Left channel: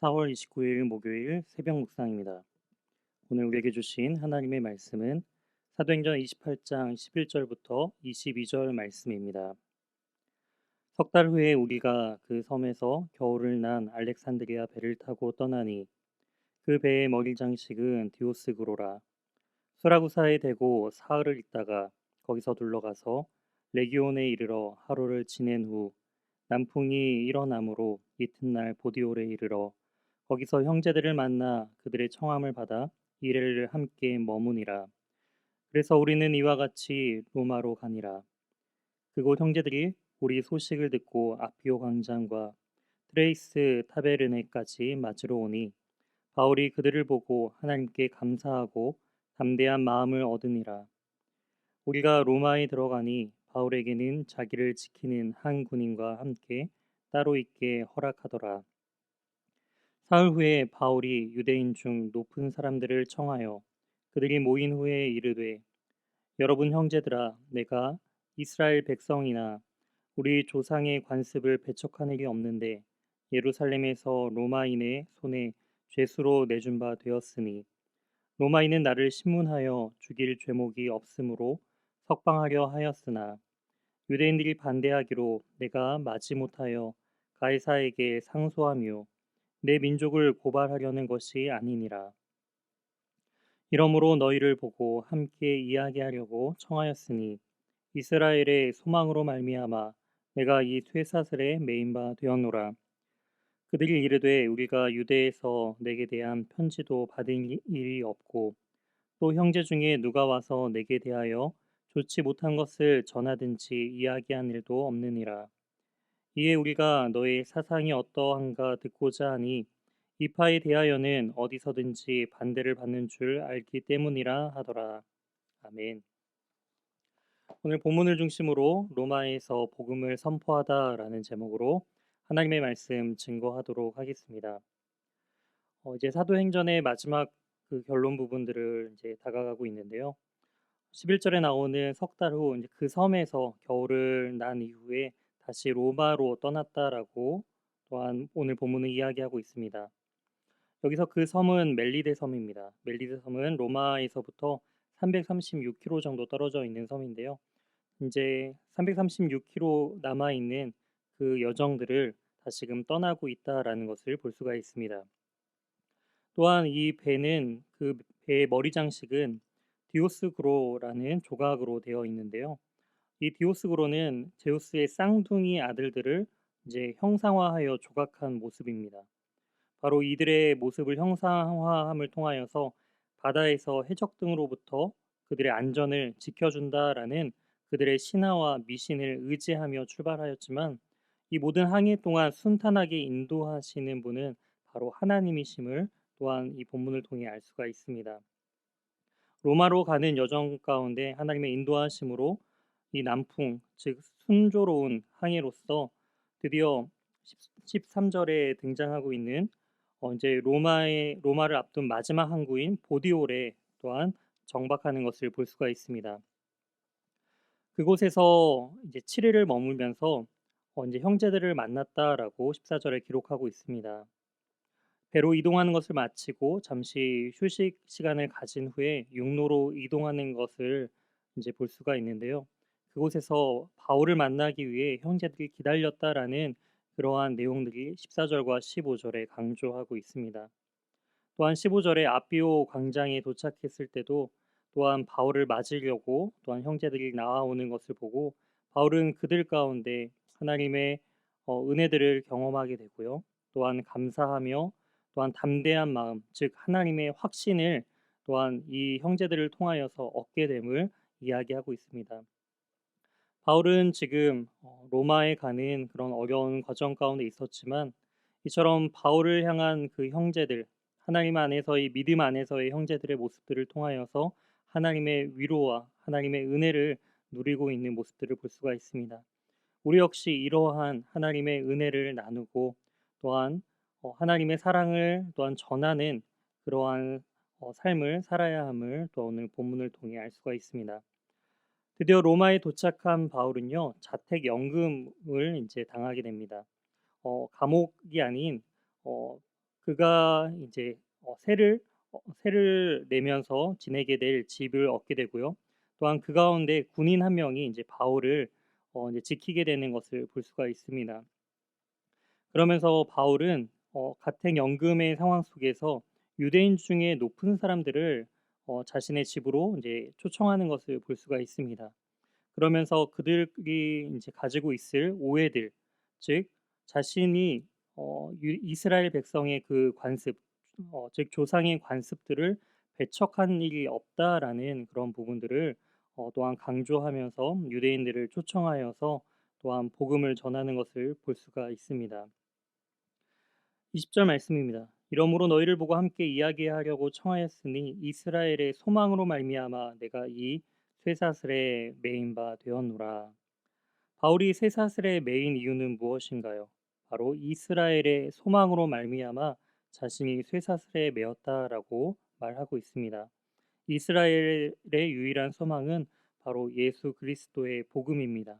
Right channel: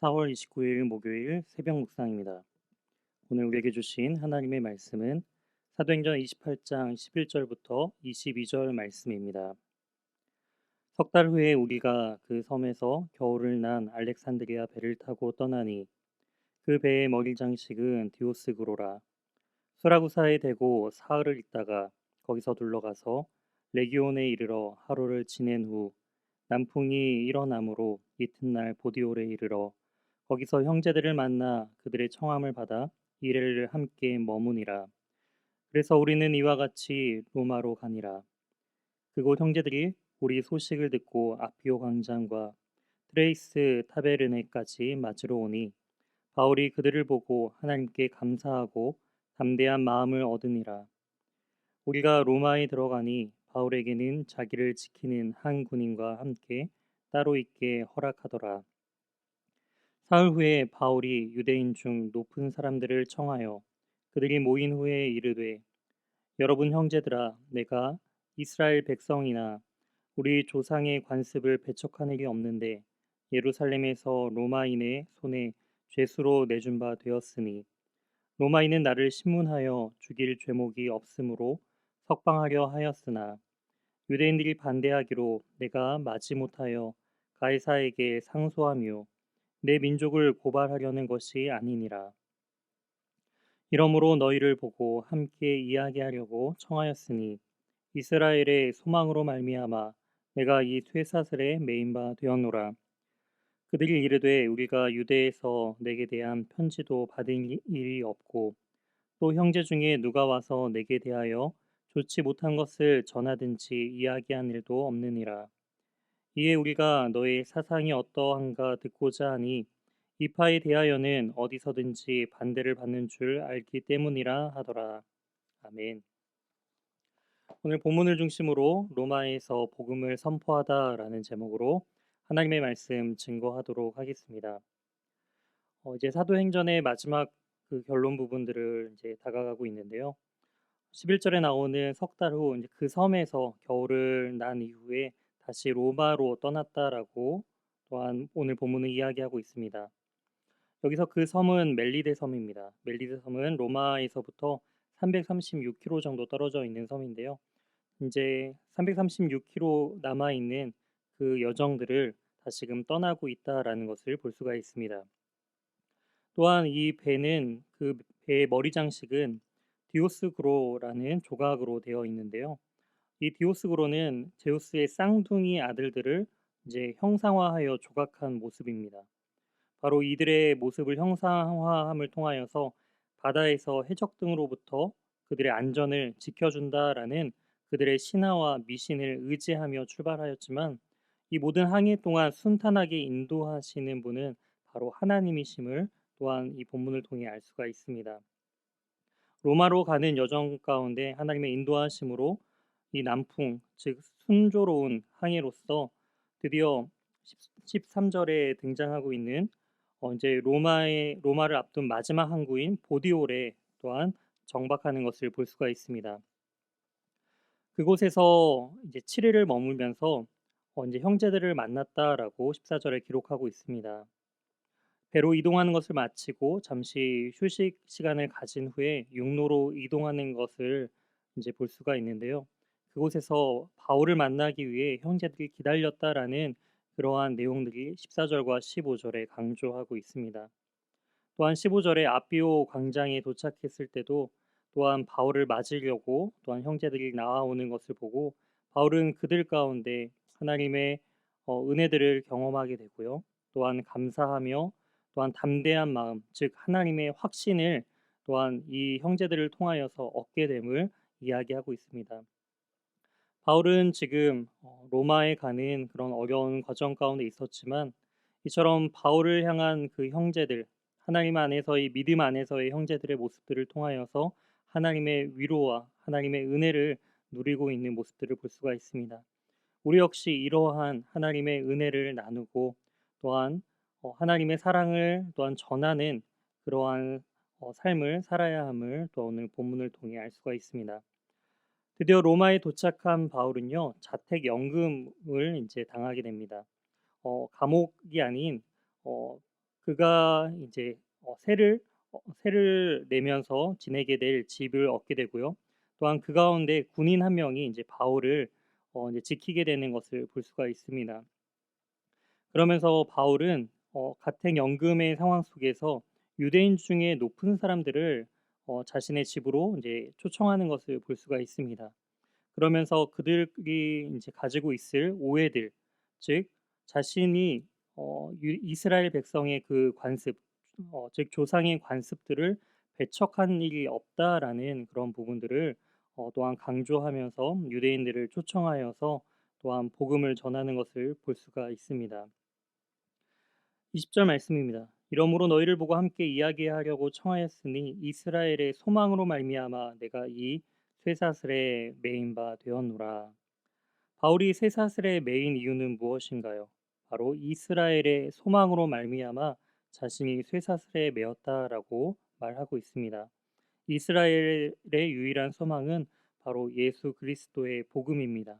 4월 29일 목요일 새벽 묵상입니다. 오늘 우리에게 주신 하나님의 말씀은 사도행전 28장 11절부터 22절 말씀입니다. 석 달 후에 우리가 그 섬에서 겨울을 난 알렉산드리아 배를 타고 떠나니 그 배의 머리 장식은 디오스그로라. 수라구사에 대고 사흘을 있다가 거기서 둘러가서 레기온에 이르러 하루를 지낸 후 남풍이 일어나므로 이튿날 보디올에 이르러 거기서 형제들을 만나 그들의 청함을 받아 이레를 함께 머무니라. 그래서 우리는 이와 같이 로마로 가니라. 그곳 형제들이 우리 소식을 듣고 아피오 광장과 트레이스 타베르네까지 맞으러 오니 바울이 그들을 보고 하나님께 감사하고 담대한 마음을 얻으니라. 우리가 로마에 들어가니 바울에게는 자기를 지키는 한 군인과 함께 따로 있게 허락하더라. 사흘 후에 바울이 유대인 중 높은 사람들을 청하여 그들이 모인 후에 이르되, 여러분 형제들아, 내가 이스라엘 백성이나 우리 조상의 관습을 배척한 일이 없는데 예루살렘에서 로마인의 손에 죄수로 내준 바 되었으니 로마인은 나를 신문하여 죽일 죄목이 없으므로 석방하려 하였으나 유대인들이 반대하기로 내가 마지못하여 가이사에게 상소하며 내 민족을 고발하려는 것이 아니니라. 이러므로 너희를 보고 함께 이야기하려고 청하였으니 이스라엘의 소망으로 말미암아 내가 이 쇠사슬에 매인 바 되었노라. 그들이 이르되 우리가 유대에서 내게 대한 편지도 받은 일이 없고 또 형제 중에 누가 와서 내게 대하여 좋지 못한 것을 전하든지 이야기한 일도 없느니라. 이에 우리가 너의 사상이 어떠한가 듣고자 하니 이파에 대하여는 어디서든지 반대를 받는 줄 알기 때문이라 하더라. 아멘. 오늘 본문을 중심으로 로마에서 복음을 선포하다라는 제목으로 하나님의 말씀 증거하도록 하겠습니다. 이제 사도행전의 마지막 그 결론 부분들을 이제 다가가고 있는데요. 11절에 나오는 석 달 후 이제 그 섬에서 겨울을 난 이후에 다시 로마로 떠났다라고 또한 오늘 본문은 이야기하고 있습니다. 여기서 그 섬은 멜리데 섬입니다. 멜리데 섬은 로마에서부터 336km 정도 떨어져 있는 섬인데요. 이제 336km 남아 있는 그 여정들을 다시금 떠나고 있다라는 것을 볼 수가 있습니다. 또한 이 배는 그 배의 머리 장식은 디오스그로라는 조각으로 되어 있는데요. 이 디오스그로는 제우스의 쌍둥이 아들들을 이제 형상화하여 조각한 모습입니다. 바로 이들의 모습을 형상화함을 통하여서 바다에서 해적 등으로부터 그들의 안전을 지켜준다라는 그들의 신화와 미신을 의지하며 출발하였지만 이 모든 항해 동안 순탄하게 인도하시는 분은 바로 하나님이심을 또한 이 본문을 통해 알 수가 있습니다. 로마로 가는 여정 가운데 하나님의 인도하심으로 이 남풍, 즉 순조로운 항해로서 드디어 13절에 등장하고 있는 이제 로마를 앞둔 마지막 항구인 보디올에 또한 정박하는 것을 볼 수가 있습니다. 그곳에서 이제 7일을 머물면서 이제 형제들을 만났다라고 14절에 기록하고 있습니다. 배로 이동하는 것을 마치고 잠시 휴식 시간을 가진 후에 육로로 이동하는 것을 이제 볼 수가 있는데요. 그곳에서 바울을 만나기 위해 형제들이 기다렸다라는 그러한 내용들이 14절과 15절에 강조하고 있습니다. 또한 15절에 아비오 광장에 도착했을 때도 또한 바울을 맞으려고 또한 형제들이 나와오는 것을 보고 바울은 그들 가운데 하나님의 은혜들을 경험하게 되고요. 또한 감사하며 또한 담대한 마음, 즉 하나님의 확신을 또한 이 형제들을 통하여서 얻게 됨을 이야기하고 있습니다. 바울은 지금 로마에 가는 그런 어려운 과정 가운데 있었지만 이처럼 바울을 향한 그 형제들, 하나님 안에서의 믿음 안에서의 형제들의 모습들을 통하여서 하나님의 위로와 하나님의 은혜를 누리고 있는 모습들을 볼 수가 있습니다. 우리 역시 이러한 하나님의 은혜를 나누고 또한 하나님의 사랑을 또한 전하는 그러한 삶을 살아야 함을 또 오늘 본문을 통해 알 수가 있습니다. 드디어 로마에 도착한 바울은요, 자택 연금을 이제 당하게 됩니다. 감옥이 아닌 어, 그가 이제 세를 내면서 지내게 될 집을 얻게 되고요. 또한 그 가운데 군인 한 명이 이제 바울을 이제 지키게 되는 것을 볼 수가 있습니다. 그러면서 바울은 가택연금의 상황 속에서 유대인 중에 높은 사람들을 자신의 집으로 이제 초청하는 것을 볼 수가 있습니다. 그러면서 그들이 이제 가지고 있을 오해들, 즉 자신이 이스라엘 백성의 그 관습, 즉 조상의 관습들을 배척한 일이 없다라는 그런 부분들을 또한 강조하면서 유대인들을 초청하여서 또한 복음을 전하는 것을 볼 수가 있습니다. 20절 말씀입니다. 이러므로 너희를 보고 함께 이야기하려고 청하였으니 이스라엘의 소망으로 말미암아 내가 이 쇠사슬에 매인 바 되었노라. 바울이 쇠사슬에 매인 이유는 무엇인가요? 바로 이스라엘의 소망으로 말미암아 자신이 쇠사슬에 매었다라고 말하고 있습니다. 이스라엘의 유일한 소망은 바로 예수 그리스도의 복음입니다.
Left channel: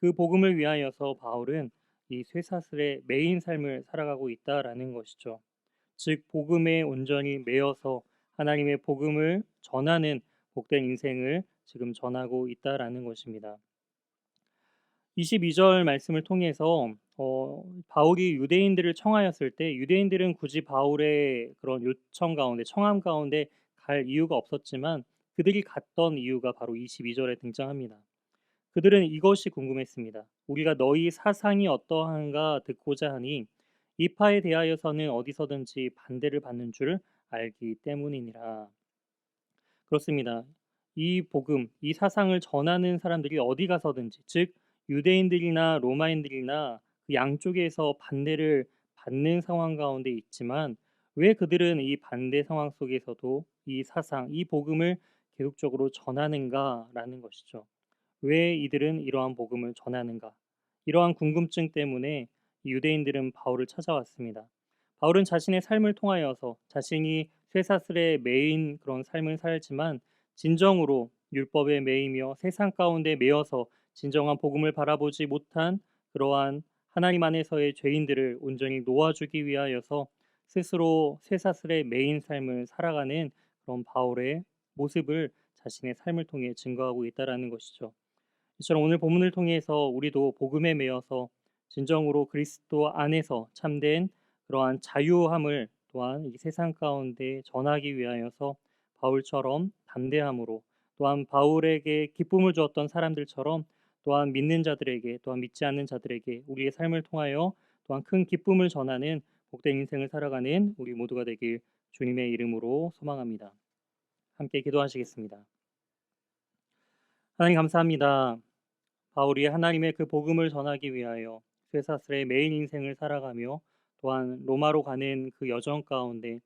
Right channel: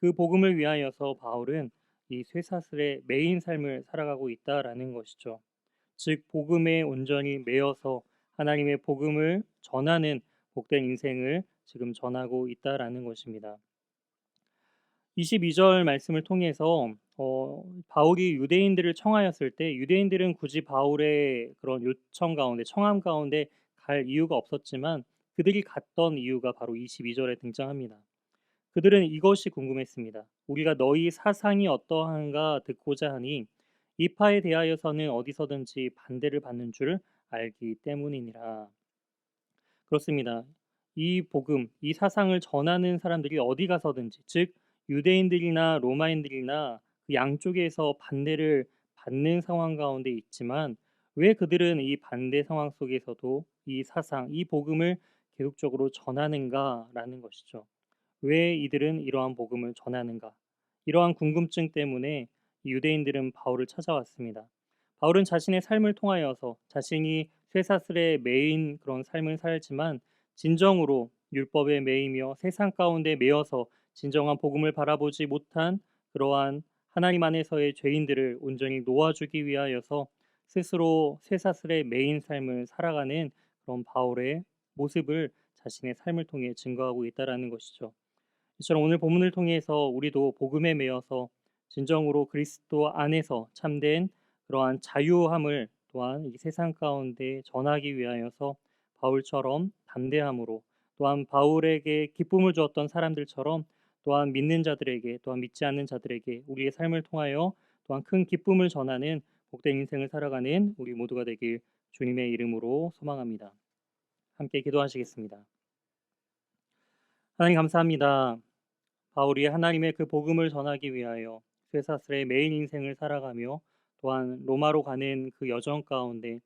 그 복음을 위하여서 바울은 이 쇠사슬에 매인 삶을 살아가고 있다라는 것이죠. 즉 복음에 온전히 매여서 하나님의 복음을 전하는 복된 인생을 지금 전하고 있다라는 것입니다. 22절 말씀을 통해서 바울이 유대인들을 청하였을 때 유대인들은 굳이 바울의 그런 요청 가운데 청함 가운데 갈 이유가 없었지만 그들이 갔던 이유가 바로 22절에 등장합니다. 그들은 이것이 궁금했습니다. 우리가 너희 사상이 어떠한가 듣고자 하니 이파에 대하여서는 어디서든지 반대를 받는 줄 알기 때문이니라. 그렇습니다. 이 복음, 이 사상을 전하는 사람들이 어디 가서든지, 즉 유대인들이나 로마인들이나 그 양쪽에서 반대를 받는 상황 가운데 있지만 왜 그들은 이 반대 상황 속에서도 이 사상, 이 복음을 계속적으로 전하는가라는 것이죠. 왜 이들은 이러한 복음을 전하는가? 이러한 궁금증 때문에 유대인들은 바울을 찾아왔습니다. 바울은 자신의 삶을 통하여서 자신이 쇠사슬에 매인 그런 삶을 살지만 진정으로 율법에 매이며 세상 가운데 매여서 진정한 복음을 바라보지 못한 그러한 하나님 안에서의 죄인들을 온전히 놓아주기 위하여서 스스로 쇠사슬에 매인 삶을 살아가는 그런 바울의 모습을 자신의 삶을 통해 증거하고 있다라는 것이죠. 이처럼 오늘 본문을 통해서 우리도 복음에 매여서 진정으로 그리스도 안에서 참된 그러한 자유함을 또한 이 세상 가운데 전하기 위하여서 바울처럼 담대함으로 또한 바울에게 기쁨을 주었던 사람들처럼 또한 믿는 자들에게 또한 믿지 않는 자들에게 우리의 삶을 통하여 또한 큰 기쁨을 전하는 복된 인생을 살아가는 우리 모두가 되길 주님의 이름으로 소망합니다. 함께 기도하시겠습니다. 하나님 감사합니다. 바울이 하나님의 그 복음을 전하기 위하여 쇠사슬의 매일 인생을 살아가며 또한 로마로 가는 그 여정 가운데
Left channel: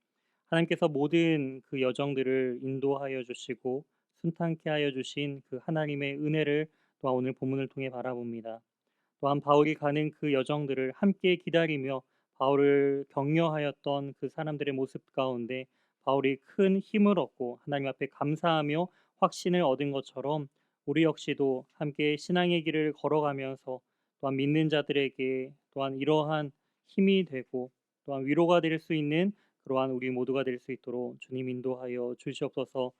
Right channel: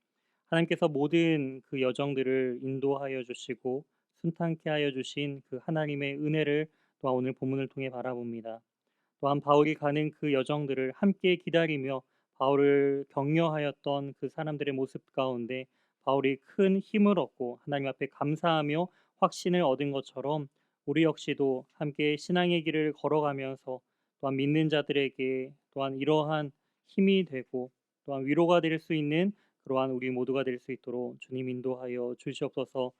하나님께서 모든 그 여정들을 인도하여 주시고 순탄케 하여 주신 그 하나님의 은혜를 또한 오늘 본문을 통해 바라봅니다. 또한 바울이 가는 그 여정들을 함께 기다리며 바울을 격려하였던 그 사람들의 모습 가운데 바울이 큰 힘을 얻고 하나님 앞에 감사하며 확신을 얻은 것처럼 우리 역시도 함께 신앙의 길을 걸어가면서 또한 믿는 자들에게 또한 이러한 힘이 되고 또한 위로가 될 수 있는 그러한 우리 모두가 될 수 있도록 주님 인도하여 주시옵소서.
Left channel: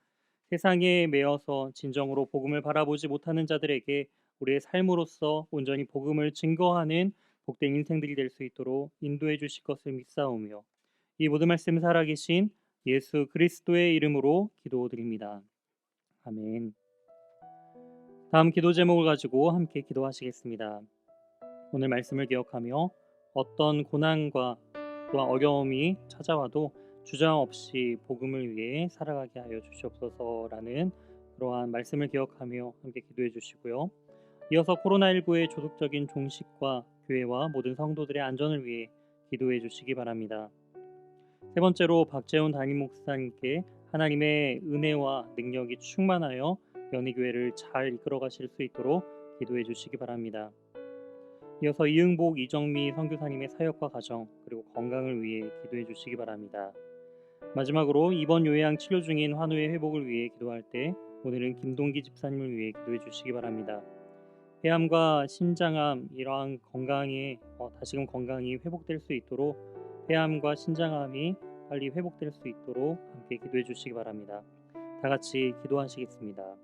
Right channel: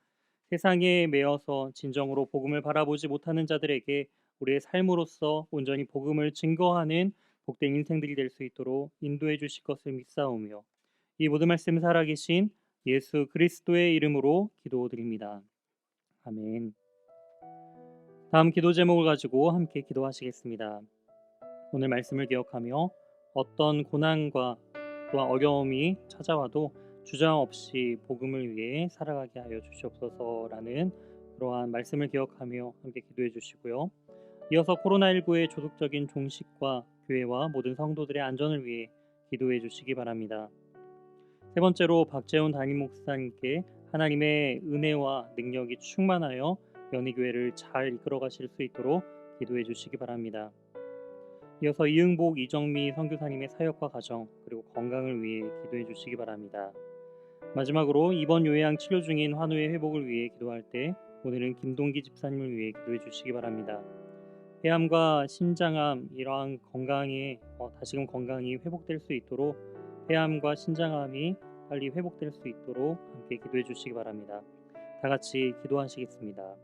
세상에 매여서 진정으로 복음을 바라보지 못하는 자들에게 우리의 삶으로서 온전히 복음을 증거하는 복된 인생들이 될 수 있도록 인도해 주실 것을 믿사오며 이 모든 말씀 살아계신 예수 그리스도의 이름으로 기도드립니다. 아멘. 다음 기도 제목을 가지고 함께 기도하시겠습니다. 오늘 말씀을 기억하며 어떤 고난과 또한 어려움이 찾아와도 주저함 없이 복음을 위해 살아가게 하여 주시옵소서라는 그러한 말씀을 기억하며 함께 기도해 주시고요. 이어서 코로나19의 조속적인 종식과 교회와 모든 성도들의 안전을 위해 기도해 주시기 바랍니다. 세 번째로 박재훈 담임 목사님께 하나님의 은혜와 능력이 충만하여 연희교회를 잘 이끌어 가실 수 있도록 기도해 주시기 바랍니다. 이어서 이응복 이정미 선교사님의 사역과 가정 그리고 건강을 위해 기도해 주시기 바랍니다. 마지막으로 이번 요양 치료 중인 환우의 회복을 위해 기도할 때 오늘은 김동기 집사님을 위해 기도해 주시기 바랍니다. 폐암과 심장암 이러한 건강에 다시금 건강이 회복될 수 있도록 폐암과 신장암이 빨리 회복될 수 있도록 함께 기도해 주시기 바랍니다. 다 같이 기도하시겠습니다.